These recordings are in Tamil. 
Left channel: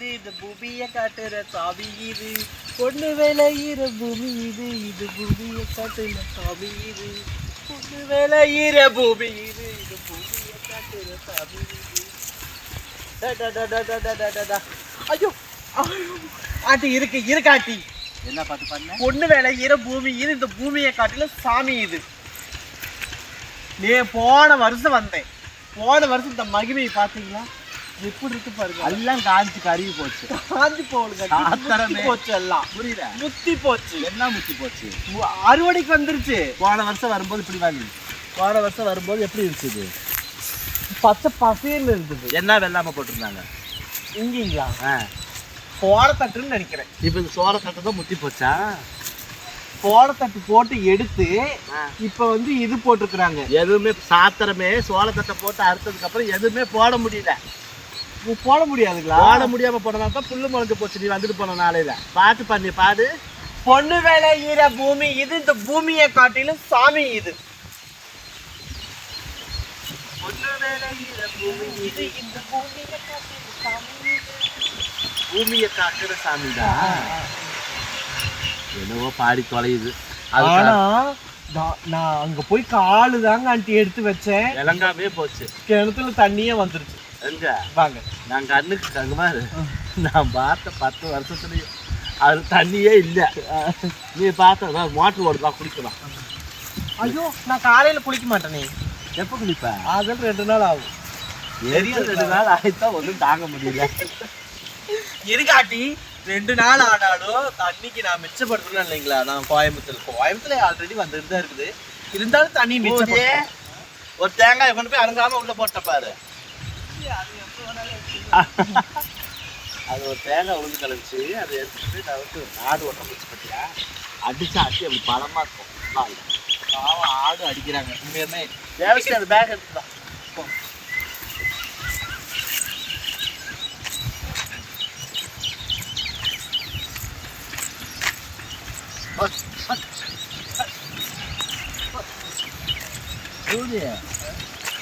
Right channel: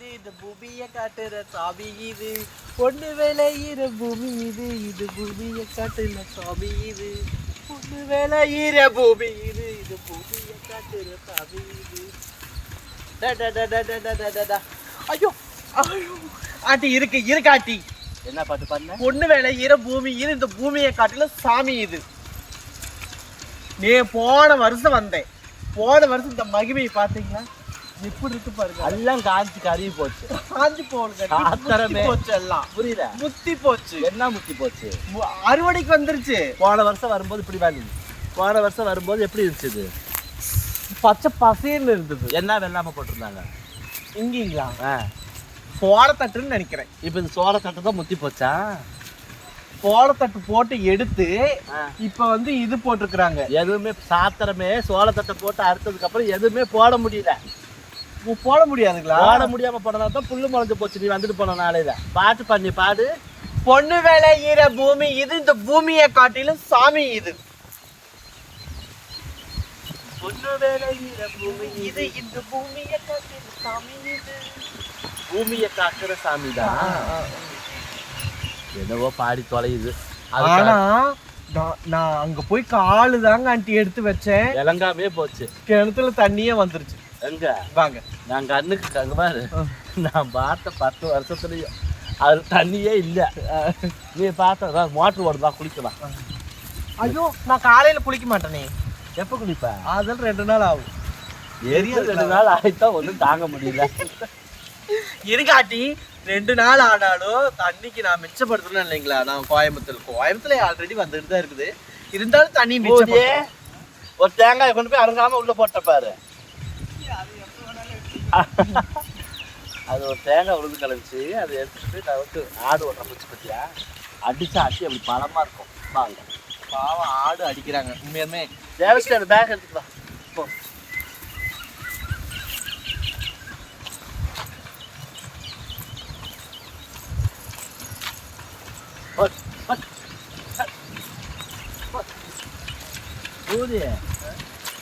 இது இந்த பூமியை காட்டுற சாமி இது. பொண்ணு விளையிற பூமி இது இது பூமியை காட்டுற சாமி இது. பொண்ணு விளையிற பூமி இது இது பூமியை காட்டுற சாமி இது. ஐயோ ஆட்டி இருக்கு இருக்காட்டி என்ன பார்த்து பாருங்க பொண்ணு விளையிற பூமி இது இந்த பூமியை காட்டில சாமி இது. நீ போன வருஷம் வந்தேன். போன வருஷம் இந்த மகிமையை பார்த்தீங்களா? எப்படி இருக்கு பாருங்க. எல்லாம் காஞ்சி கருகி போச்சு. காஞ்சி ஆத்தரமே. போச்சு எல்லாம். புரியுதா? முத்தி போச்சு. எல்லாம் முத்தி போச்சு? அறுவடைக்கு வந்துருச்சு. போன வருஷம் வரும்போது இப்படி வாலி போன வருஷம் வரும்போது எப்படி இருந்துச்சு பச்சை பசேன்னு இருந்தது. என்ன வெள்ளாம போட்டிருந்தாங்க? இங்கீங்களா? ஆ. போடத்தட்டுன்னு நினைக்கிறேன். இப்ப இந்த சோள கட்டை தான் முத்தி போச்சா? போடத்தட்டு போட்டு எடுத்து இப்ப வந்து இது போட்டிருக்கிறாங்க. எதுவுமே சாத்திரமே சோளத்தட்டை போட்டு அறுத்ததுக்கு அப்புறம் எதுவுமே போட முடியல. போட முடியாதுங்களா? போட முடியாம போனதால தான் புல்லு முளைஞ்சு போச்சு. நீ வந்துட்டு போன நாளையில. பாத்து பண்ணி பாடு பொண்ணு விளையிற பூமி இது இந்த பூமியை காட்டிலும் சாமி இது. பொண்ணு பூமி இது இந்த பூமியை காட்டிலும் சாமி இது. பூமியை காக்கிற சாமி தான் என்னவோ பாடி தொலையுது. ஆனா நான் அங்க போய் காலு தாங்க ஆண்டி எடுத்து வச்சேன். இளங்காமே போச்சு. கிணத்துல தண்ணியே வந்துருச்சு. எங்க வாங்க நான் கண்ணுக்கு பாரு நான் பார்த்த பத்து வருஷத்துலயும் அது தண்ணியே இல்லை. நீ பார்த்த மோட்டர் ஓடுதா குடிக்கலாம் ஐயோ நான் காலையில குளிக்க மாட்டேனே. எப்போ குடிப்ப அதெல்லாம் ரெண்டு நாள் ஆகும். எரியும் ரெண்டு நாள் ஆயிட்டா ஒன்றும் தாங்க முடியல. இருக்காட்டி ரெண்டு நாள் ஆனாலும் தண்ணிக்கு நான் மிச்சப்படுத்தணும் இல்லைங்களா? நான் கோயம்புத்தூர் கோயம்புத்தூர்ல ஆல்ரெடி வந்துட்டு தான் இருக்குது. இருந்தாலும் தண்ணி மிச்சப்படுத்தணும் ஒரு தேங்காய் கொண்டு போய் அருங்காம உள்ள போட்ட பாரு. அது ஒரு தேங்காய் உளுந்து கலந்துச்சு அதை எடுத்துட்டு நான் வந்து ஆடு ஓட்ட குச்சி பத்தியா? அடிச்சா அடி அப்படி பலமாக இருக்கும். வாங்க பாவம் ஆடு அடிக்கிறாங்க. உண்மையுமே தேவசி அந்த பேக் எடுத்துக்கலாம்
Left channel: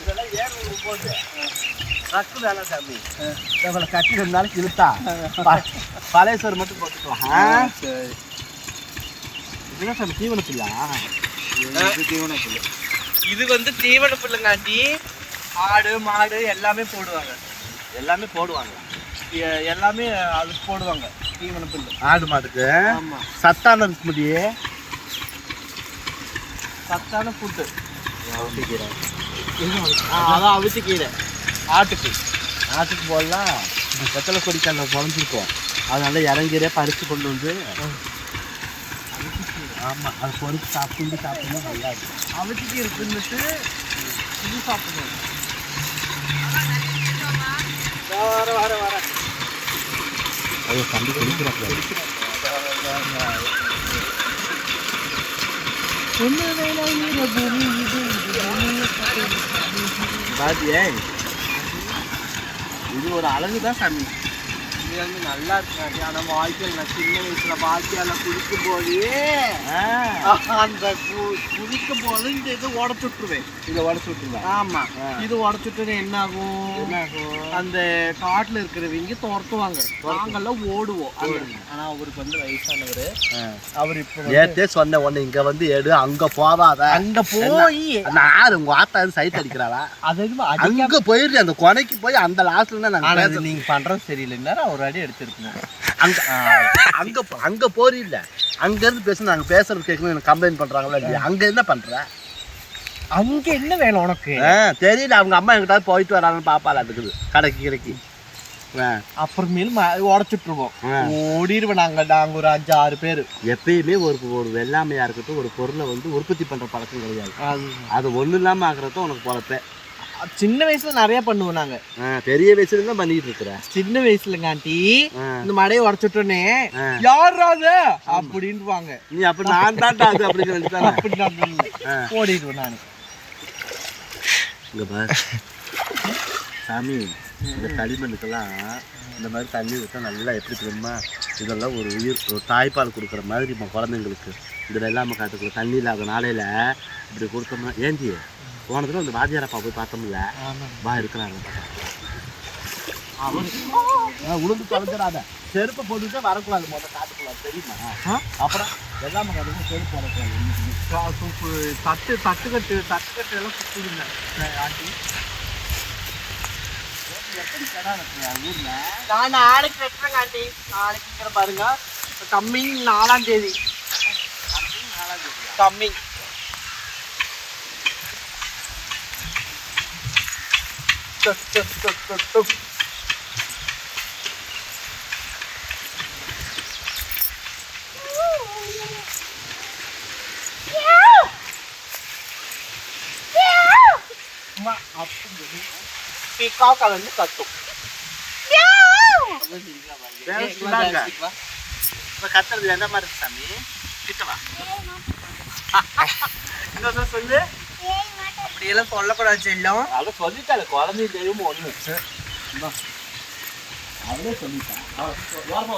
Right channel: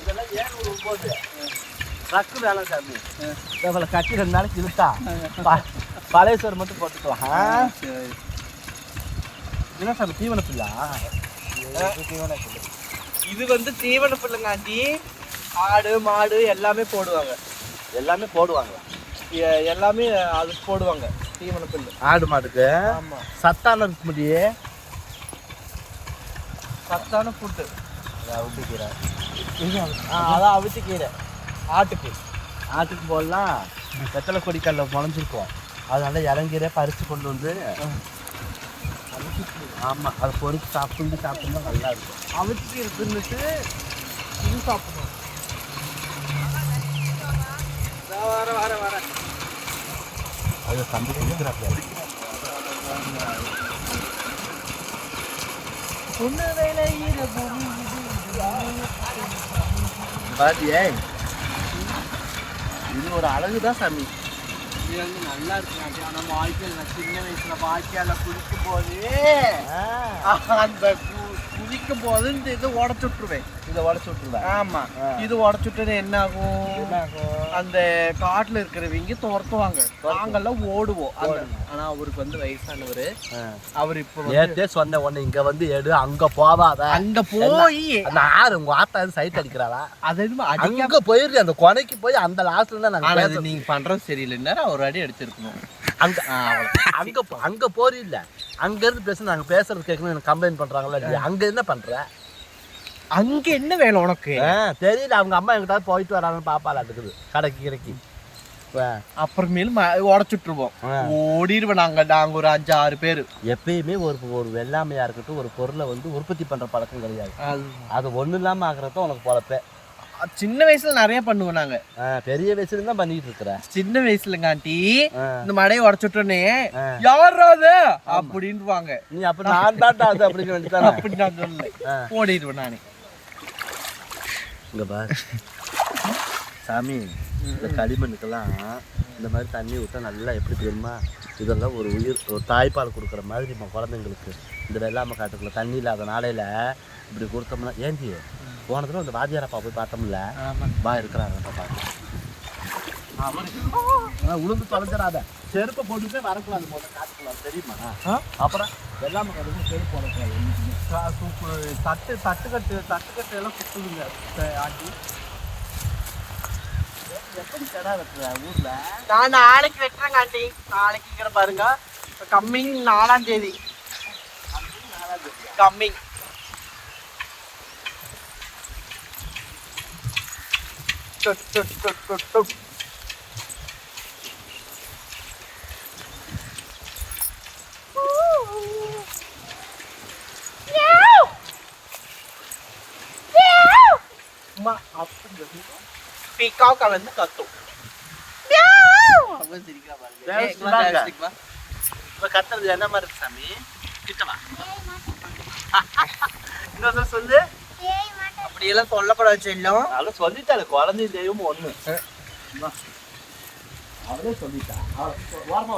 இதெல்லாம் ஏன் ஒரு போட்டு ரக்கு வேலை சாமி. இவ்வளோ கட்டி ரெண்டு நாளைக்கு இழுத்தா பழைய சோறு மட்டும் போட்டுக்கலாம். என்ன சாமி தீவன பிள்ளா இது வந்து தீவன புல்லுங்காட்டி ஆடு மாடு எல்லாமே போடுவாங்க. எல்லாமே போடுவாங்க. எல்லாமே அது போடுவாங்க தீவன புல்லு. ஆடு மாட்டுக்கு ஆமா. சத்தான இருக்க முடியே சத்தான ஃபுட்டு அதான் அவிச்சு கீரை. ஆட்டுக்கு ஆட்டுக்கு போடலாம் வெத்தலை கொடி கல்ல முளைஞ்சிருக்கோம் அதனால இறங்கிறே பறித்து கொண்டு வந்து ஆமாம் அதை பொறுத்து சாப்பிட்டு சாப்பிட்டா நல்லா இருக்கும் அவதிக்கு இருக்குன்னுட்டு இது சாப்பிடணும் ஐயோ தம்பி குளிக்கிறாப்ல ஒன்று வேலை பூமி இது இது ஒரு அழகு தான் சாமி உண்மையாலுமே நல்லா இருக்குங்க. ஆனால் வாழ்க்கையில் நான் சின்ன வயசுல வாழ்க்கையால குளிக்கும் போதே அந்த குதிக்கும் போது இந்த இது உடச்சு விட்டுருவேன் இதை உடச்சு விட்டுருவேன் ஆமா. இது உடச்சுட்டு என்ன ஆகும் என்ன ஆகும் அந்த காட்டுல இருக்கிறவங்க துரத்துவாங்க. நாங்கெல்லாம் ஓடுவோம். அங்க. ஆனா அவருக்கு வந்து வயசானவர். அவர் இப்ப நேற்றே சொன்ன ஒன்று இங்கே வந்து எடு அங்கே போவாத. அங்க போய். நான் உங்கள் ஆத்தா சைட் அடிக்கிறாளா அது எதுவும் அடிக்க அங்கே போயிடுறேன் அந்த கொனைக்கு போய் அந்த லாஸ்ட்ல தான் நாங்கள் இது நீங்க பண்றது சரியில்லைன்னா ஒரு அடி அடிச்சிருக்கணும் அங்க அங்க போ- அங்க போறீ இல்ல அங்க இருந்து பேச நாங்க பேசுறது கேட்கணும் எனக்கு கம்ப்ளைண்ட் பண்றாங்களா இல்லையா? அங்க என்ன பண்ற? அங்க என்ன வேணும் உனக்கு? தெரியல. அவங்க அம்மா எங்கிட்ட போயிட்டு வராங்கன்னு பாப்பால இருக்குது கடைக்கு கிடைக்கு. அப்புறமேலும் உடச்சுட்டுருவோம் ஆ. ஓடிடுவோம் நாங்க. நாங்க ஒரு அஞ்சு ஆறு பேர். எப்பயுமே ஒரு ஒரு வெள்ளாமையா இருக்கட்டும் ஒரு பொருளை வந்து உற்பத்தி பண்ற பழக்கம் கிடையாது. அது. ஒண்ணு இல்லாம ஆகுறத உனக்கு பொழப்ப. சின்ன வயசுல நிறைய பண்ணுவோம் நாங்க. பெரிய வயசுல தான் பண்ணிட்டு இருக்கிற சின்ன வயசுலங்காட்டி ஆ. இந்த மடையை உடச்சுட்டோன்னே. யாரா அது? அப்படின்வாங்க நீ அப்ப நான் தான்டா அது அப்படின்னு அப்படி நான் சொல்லல. ஓடிடுவேன் நான். இங்க பாரு. சாமி இந்த களிமண்ணுக்கெல்லாம் இந்த மாதிரி தண்ணி விட்டா நல்லா எப்படி தெரியுமா? இதெல்லாம் ஒரு உயிர் ஒரு தாய்ப்பால் கொடுக்குற மாதிரி நம்ம குழந்தைங்களுக்கு இந்த வெள்ளாமை காட்டுக்குள்ள தண்ணி இல்லாத நாளையில இப்படி கொடுத்தோம்னா ஏந்தி போன தடவை அந்த வாத்தியாரப்பா போய் பார்த்தோம்ல. வா இருக்கிறாங்க பாப்பா உளுந்து தொலைஞ்சிடாத. செருப்பை போட்டுட்டே வரக்கூடாது முதல்ல காட்டுக்கூடாது தெரியுமா? அப்புறம் எல்லாமே கட்டுக்கும் செருப்பு வரக்கூடாது. தட்டு தட்டு கட்டு தட்டு கட்டு எல்லாம் சுத்துதுங்க. ஆண்டி எப்படி கடை ஊர்ல? நான் நாளைக்கு வெட்டுறேங்க ஆண்டி. நாளைக்குங்கிற பாருங்க. கம்மிங் நாலாம் தேதி. கம்மிங். சும்மா அப்படி பீக்காக்க வந்து கத்தும் அவன் சிரிக்கிறா பாருங்க. வேற ஏய், சொல்லாத. காக்கா வந்து கத்தும் கத்துறது என்ன மாதிரி இருக்கு சாமி கிட்டவா இன்னொரு சொல்லு அப்படியெல்லாம் சொல்லக்கூடாது செல்லம் அவளை சொல்லிட்டாள் குழந்தை தெய்வம் ஒண்ணு இந்தா. அவளே சொல்லிட்டா அவளை ஓரமா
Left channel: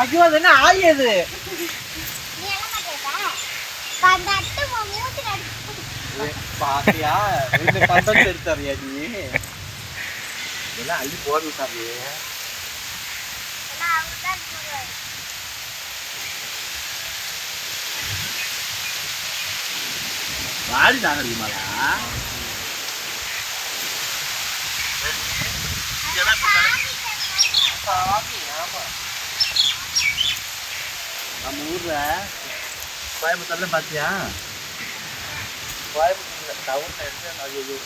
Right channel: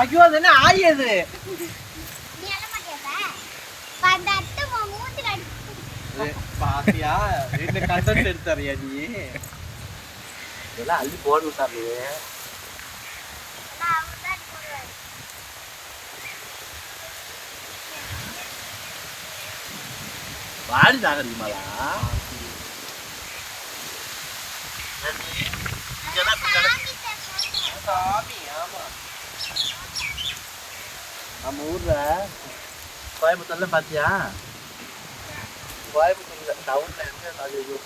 ஐயோ அது என்ன ஆய் அது? பாத்தியா? ரெண்டு பந்தம் எடுத்தறியா நீ? இதெல்லாம் அள்ளி போடணும் சாமி. வாடி நாகரிகமாடா சாமி ஆமா. நம்ம ஊர்ல கோயம்புத்தூர்ல பாத்தியா? கோயம்புத்தூர்ல டவுன்ல என்ன அது இது?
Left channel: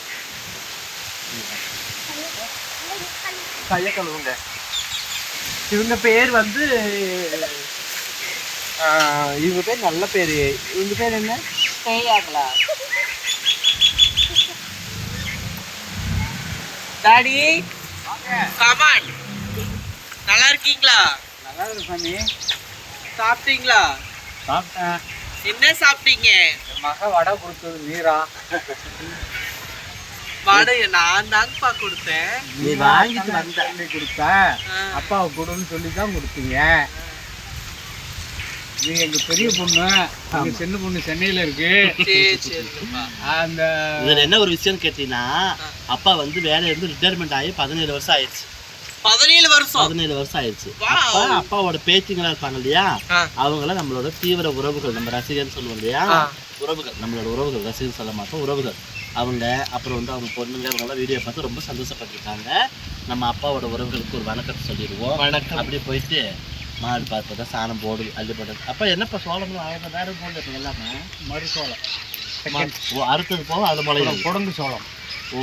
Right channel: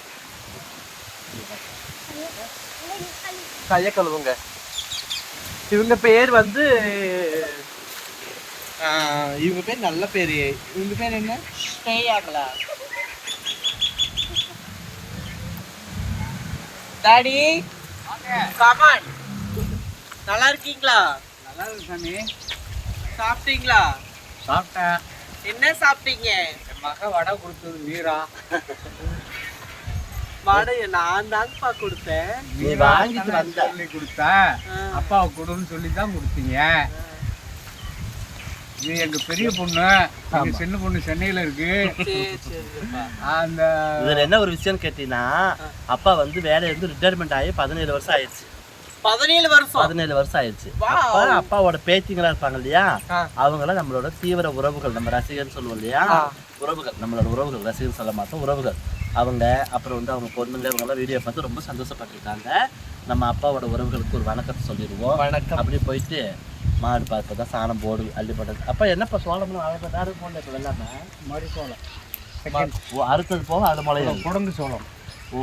கைய கழுவுங்க இவங்க பேர் வந்து இவங்க பேர் நல்ல பேரு. இவங்க பேர் என்ன? ஸ்னேயாங்களா டாடி கமான் நல்லா இருக்கீங்களா? நல்லா இருக்கு சாமி. சாப்பிட்டீங்களா? சாப்பிட்டேன். என்ன சாப்பிட்டீங்க? என் மக வடை கொடுத்தது வீரா வடை நான் தாங்கப்பா கொடுத்தேன். நீ வந்த சொல்லி கொடுத்த. அப்பாவை கொடுன்னு சொல்லி தான் கொடுத்தீங்க. நீ எங்க பெரிய பொண்ணு. எங்க சின்ன பொண்ணு சென்னையில இருக்கு. அந்த இதுல என்ன ஒரு விஷயம் கேட்டீங்கன்னா அப்பா வந்து வேலையில இருந்து ரிட்டையர்மெண்ட் ஆகி பதினேழு வருஷம் ஆயிடுச்சு. பதினேழு வருஷம். பதினேழு வருஷம் ஆயிடுச்சு. அப்பா அப்பாவோட பேத்திங்களா இருப்பாங்க இல்லையா. அவங்கள நம்மளோட தீவிர உறவுகள் நம்ம ரசிகர்னு சொல்லுவோம் இல்லையா. உறவுகள் நம்மளோட உறவுகள் ரசிகர் சொல்ல மாட்டோம் உறவுகள். அவங்க அப்புறம் வந்து அவங்க பொண்ணுங்க இவங்கெல்லாம் வீடியோ பார்த்து ரொம்ப சந்தோஷப்பட்டிருக்காங்க. நம்ம அப்பாவோட உறவுகளுக்கு ஒரு வணக்கத்தை சொல்லிடுவோம். வணக்கம். அப்படியே போயிட்டு மாடு பார்த்து தான் சாணம் போடு அள்ளி போடுறது. அப்பா என்னப்பா சோளம்லாம் அவங்க வேற போடல இப்போ எல்லாமே மறுசோளம் ஓ அறுத்தது போக அது முளையும் குடங்கு சோளம். ஓ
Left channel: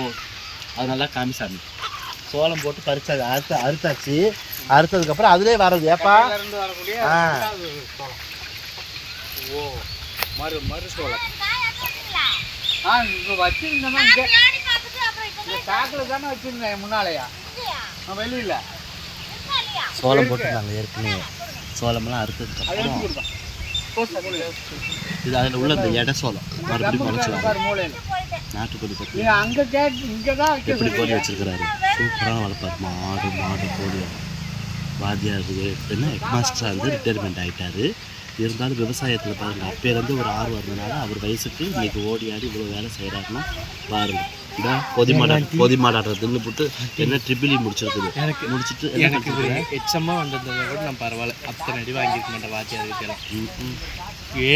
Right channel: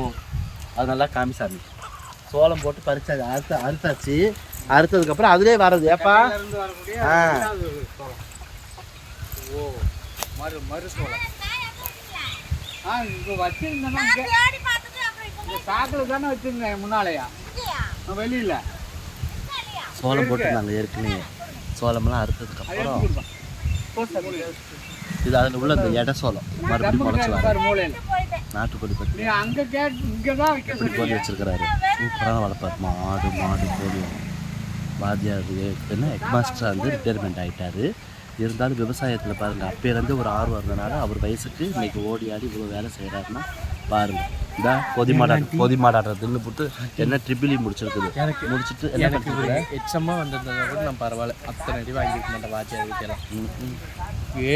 அது நல்லா காமிசாமி சோளம் போட்டு பறிச்சாது அறுத்து அறுத்தாச்சு. அறுத்ததுக்கப்புறம் அதுலேயே வர்றது. ஏப்பா? ஆ. சோளம் ஓ மறு ஆ இப்போ இங்க பேக்கில் தானே வச்சிருந்தேன் முன்னாலையா? வெளியில. சோளம் போட்டு நாங்கள் ஏற்கனவே சோளம்லாம் அறுத்ததுக்கப்புறம் இது அதில் உள்ள இந்த எடை சோளம். மறுபடியும் முளைச்சி வர மூலையில. நாட்டுக்கோழி பற்றி அங்க கேட் இங்க தான் எப்படி கோழி வச்சிருக்கிறாரு? சூப்பரான வளர்ப்பார் மாடு மாடு கோழி. எல்லாம். வாத்தியார் என்ன ஹெட்மாஸ்டராக வந்து ரிட்டையர்மெண்ட் ஆகிட்டாரு இருந்தாலும் விவசாயத்தில் பாருங்கள் அப்பேலேருந்து ஒரு ஆர்வம் இருந்தனால அவர் வயசுக்கு இன்னைக்கு ஓடி ஆடி இவ்வளோ வேலை செய்கிறாருன்னா பாருங்க. இந்த பொதி மாடா பொதி மாடாடுற தின்னு போட்டு என்ன ட்ரிபிளி முடிச்சிருக்குது. எனக்கு முடிச்சிட்டு எனக்கு பண்ணிட்டு இவர் எச்சமா வந்திருந்ததை கூட நான் பரவாயில்ல. அத்தனை அடி வாங்கியிருக்க மாட்டேன் வாத்தியார்கிட்ட எல்லாம்.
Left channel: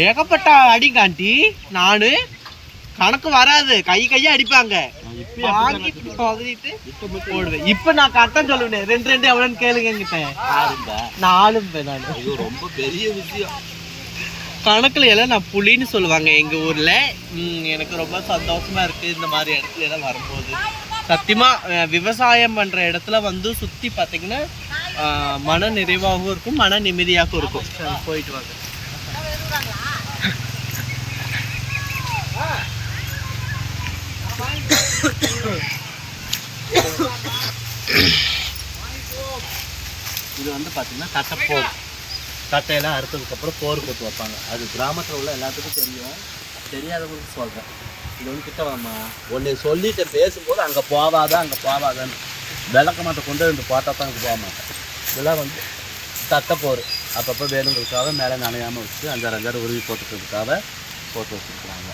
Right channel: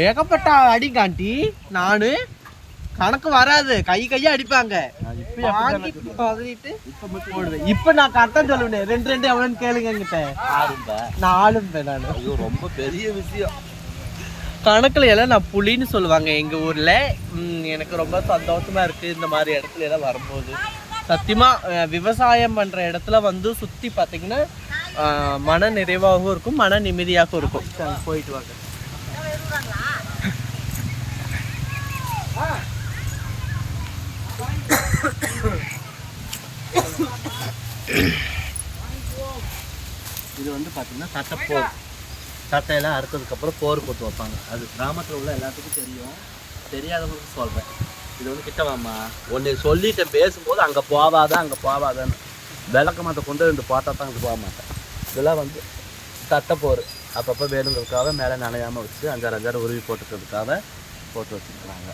ஏகப்பட்ட அடி காண்டி நானு கணக்கு வராது. கை கையா அடிப்பாங்க. வாங்கி பதறிட்டு போடுவேன். இப்ப நான் கரெக்டா சொல்லுவேன் ரெண்டு ரெண்டு எவ்வளோன்னு கேளுங்க என்கிட்ட. நாலும் நான். ஐயோ ரொம்ப பெரிய விஷயம். கணக்குல எல்லாம் நான் புலின்னு சொல்லுவாங்க. எங்க ஊர்ல எனக்கு ரொம்ப சந்தோஷமா இருக்கு இந்த மாதிரி இடத்துல எல்லாம் வரும்போது. சத்தியமா விவசாயம் பண்ற இடத்துல வந்து சுத்தி பாத்தீங்கன்னா மன நிறைவாகவும் இருக்கும் மன நிம்மதியாகவும் இருக்கும். போயிட்டு வாங்க. இது வந்து பார்த்தீங்கன்னா தட்டைப்போர். தட்டையெல்லாம் அறுத்ததுக்கப்புறம் போர் போட்டு வைப்பாங்க. அது கிராமத்தில் உள்ள எல்லாத்துக்கும் தெரியும். தெரியாதவங்களுக்கு சொல்கிறேன் இது வந்து கிட்ட வாமா ஒன்று சொல்லிட்டேன் பேசும்போது அங்கே போவாத அங்கே போவாதன்னு. விளக்க மாட்டை கொண்டு ரெண்டு பார்த்தா தான் அங்கே போக மாட்டேன். இதெல்லாம் வந்து தட்டைப்போர். அப்பப்போ வேணுங்களுக்காக மேலே நனையாமல் வச்சு அஞ்சாறு அஞ்சாறு உருவி போட்டுக்கிறதுக்காக போட்டு வச்சுருக்குறாங்க.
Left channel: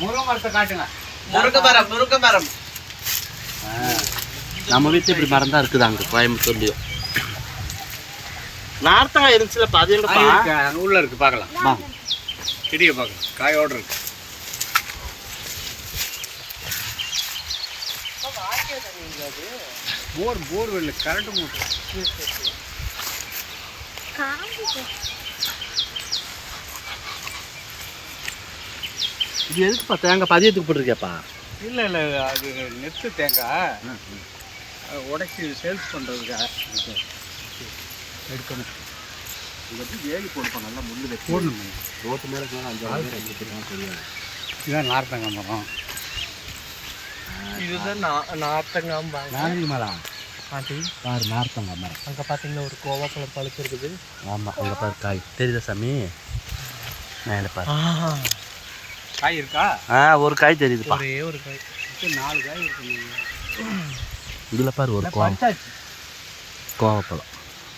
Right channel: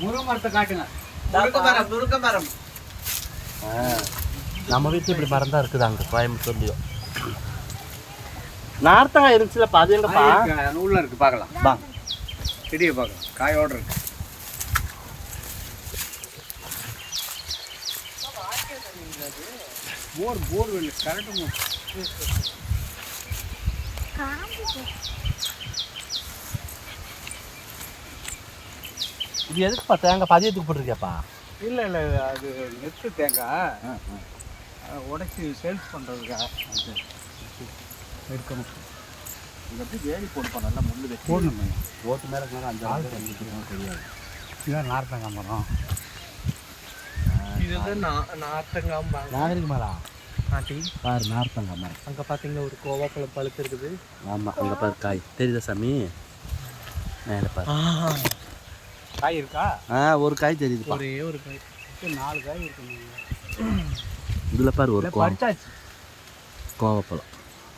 முருங்கை மரத்தை காட்டுங்க. முருங்க மரம் முருங்க மரம். நம்ம வீட்டில் இப்படி மரம் தான் இருக்குது அங்கே கோயம்புத்தூர்லேயும் நார்த்தங்காய் இருந்துச்சுல அங்க உள்ள இருக்கு பார்க்கலாம். வா. செடியை பார்க்கலாம். காயோட இருக்கு. போர் போர் இல்லை கரண்ட் இது எதுக்குப்பா தேங்காய் பதியத்துக்கு போட்டிருக்கேப்பா இல்லை இல்லை அது நெத்து தேங்காய். உடைச்சி சேல்ஸ் பண்ணுறதுக்காக இது வந்து வேலி போடுப்பா நல்லா முள்ளு போடணும். ஓட்டு மேலே மேலே அஞ்சாறு பேர் அடிச்சிருக்கோம் தெரியாது. இதான் நார்த்தங்காய் மரம் இதுதான் நா- நார்த்தங்காம்பாங்க நாளைக்கு மேலே பாட்டி? பாரு நார்த்தங்காய் மரம். அங்கே பார்த்தீங்கன்னா ஒரு கோவாப்பழம் பழுத்திருக்குது. ஆமாம் அங்கே பாரு காய் தெரியுதா சாமி? மேலே பாரு. காய் இருக்கா? ஆ ஒரு காய் தெரியுதுப்பா. ஒரே ஒரு காய். நாலு காய் இருக்கு இதில் பாரு ஒரு கோவம். பறிச்சாச்சு. கோவப்பழம்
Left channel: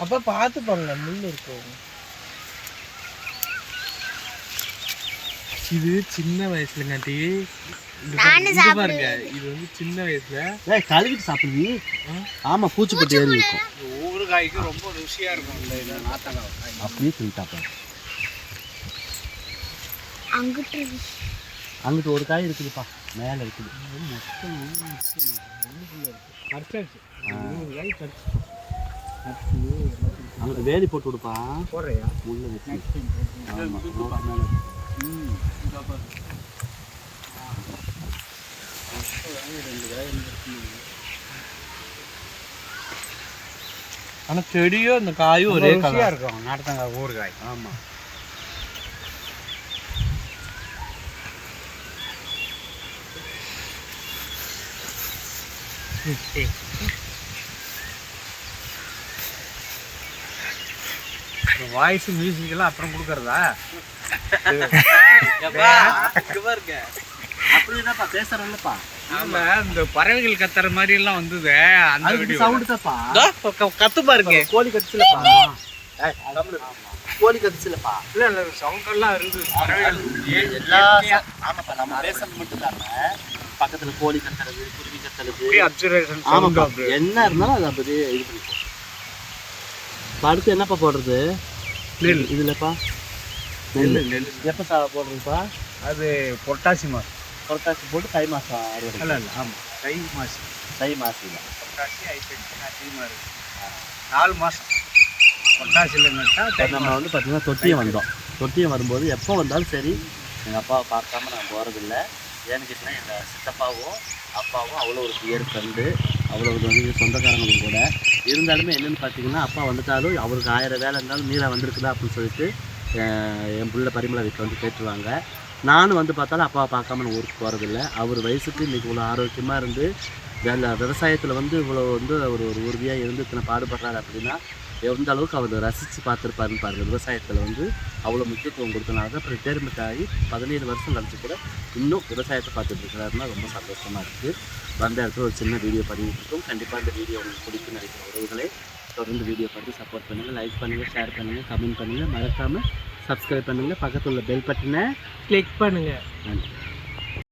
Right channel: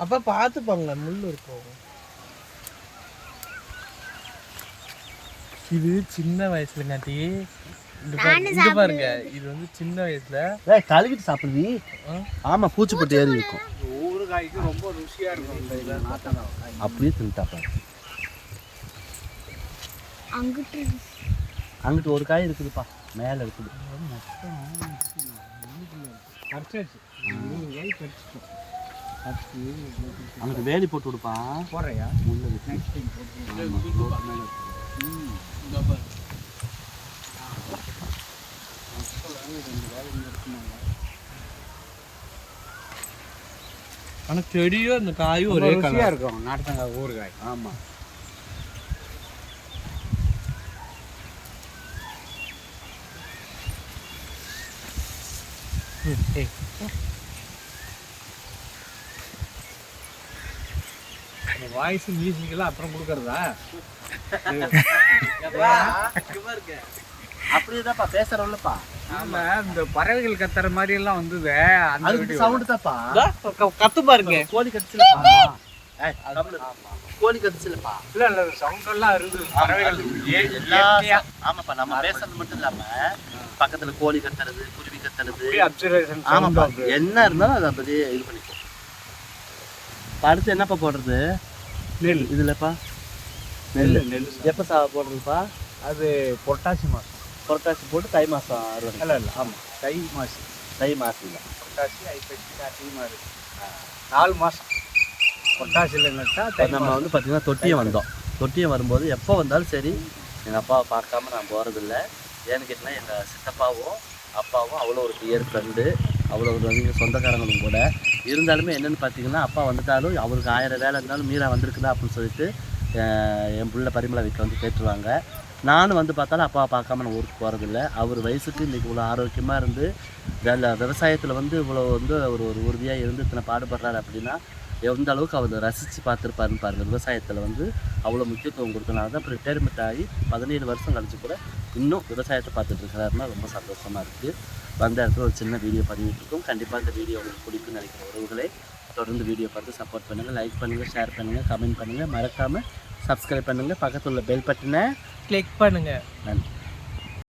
அப்போ பார்த்துப்பாங்க முள் இருக்கும் இது சின்ன வயசுலங்காட்டி இது பாருங்க, இது பாருங்க. இது வந்து சின்ன வயசுல. ஏய் கழுவிட்டு சாப்பிடுவி ஆமாம் பூச்சி போட்டு ஏறி இருக்கும். ஒவ்வொரு காய்க்கும் ரொம்ப ருசியாக இருக்கும் இந்த இது. அப்படியே சொல்லிட்டா பாரு அங்கிட்டு அங்கிட்டு ஒரு காய் இருக்குதுப்பா. மேலே இருக்குது. பறிச்சாச்சு இருபது காய் பறிச்சிட்டோம் பறிச்சு அங்கிட்டு வேலி போட்டு விடுப்பா. போடுறியா? முள்ள வச்சு. ஆமா, ரோட்டு மேல இருக்கு. ம் இதோ பாருங்க. ரெண்டு காய் இங்க இருக்குமாங்க ஆனா செடியும் அந்த காயும் ஒரே ருசியாக கலர் இருக்கும். நார்த்தங்காய் ஊறுகாய். ஆமாம் வாய்ஸ் மியூசிக்கெல்லாம் அப்புறம் கொடுக்குறதா? அப்படிதான்ப்பா ஆமா இந்த பறவைகள் கத்துற மாதிரி எல்லாம் வந்தது. அந்த சவுண்டு தான்ப்பா. கத்து பாருங்க. கோழி கடிச்சுலப்பா. கோழி கடிச்சுலப்பா. இல்ல இல்ல சவுண்ட் எல்லாம் இருக்குது எல்லா ஆமாப்பா நம்ம பேசுறது மட்டும் இல்லாம பக்கத்துல கோழி கத்துறது குருவி கத்துறது ஆமாப்பா. என்ன இருந்தாலும் அதை அப்படி இது பண்ணிப்போம் அடுத்து என்னப்பா போடுறது? நெல். இதுலப்பா? நெல் எப்போ சா போடுறதுப்பா? அது பொட்டாசி மாசம். புரட்டாசி போட்டு தை மாசம் அறுவடை. இல்ல இல்ல ஆமா. தை மாசம். தை மாசில பொட்டாசி ஐப்பசி கார்த்திகை நாலு மாசம். பொட்டாசியில் நட்டா இப்போ நம்ம வந்து பார்த்தீங்கன்னா தொட்டியம் வந்தோம். தொட்டியம் வரும்போது எப்போ வந்தாலும் சரி எங்கள் அப்பாவை பார்க்காம நான் போகிறதில்ல ஏன்னு கேட்டிங்கன்னா எங்கள் சித்தப்பாவும் அப்பாவும் அவ்வளோ ஒரு பியர் ஃப்ரெண்டு அவ்வளோ ஒரு வந்து சொந்தக்காரங்களும் கூட. இருந்தாலுமே என்னென்னு பார்த்தீங்கன்னா அப்பா வந்துட்டாலும் அவருக்கு ஆயிரம் வேலை இருந்தாலும் மீரா வந்திருக்குதா அப்படின்னு சொல்லிட்டு என் பிள்ளை பரிமள வீட்டில் வந்து கேட்டுருவாங்க. நானும் வந்து பார்த்தாலும் அப்பாவை பார்க்காம நான் ஊருக்கு போகிறதில்ல அவர் வயசுக்கு இன்றைக்கி இவ்வளோ ஆரோக்கியமாக இருந்து வேலை விவசாயத்தில் வந்து இவ்வளோ வந்து ஒரு ஒரு உறுதியாக இருந்து இத்தனை பாடுபடுறாரு அப்படின்னா எந்த அளவுக்கு அவர் ரசித்து பார்த்துருப்பாருன்னு பாருங்கள் விவசாயத்தில் வந்து அவ்வளோ முக்கியத்துவம் கொடுத்தனால தான் அப்புறம் ரிட்டையர்மெண்ட் ஆகி பதினேழு வருஷம் கழிச்சு கூட இன்னும் விவசாயத்தை பார்த்துட்டு இருக்கிறாருன்னா ரொம்ப சந்தோஷமாக இருக்குது வந்த இடத்துல ஒரு சின்ன வீடியோ பண்ணிட்டுருக்கோம் கண்டிப்பாக இந்த வீடியோ உங்களுக்கு பிடிக்கும்னு நினைக்கிற உறவுகளே தொடர்ந்து வீடியோ பார்த்து சப்போர்ட் பண்ணுங்கள் லைக் பண்ணுங்கள் ஷேர் பண்ணுங்கள் கமெண்ட் பண்ணுங்கள் மறக்காமல் சப்ஸ்கிரைப் பண்ணுங்கள் பக்கத்தில் உள்ள பெல் பட்டனை கிளிக் பண்ணுங்கள் நன்றி.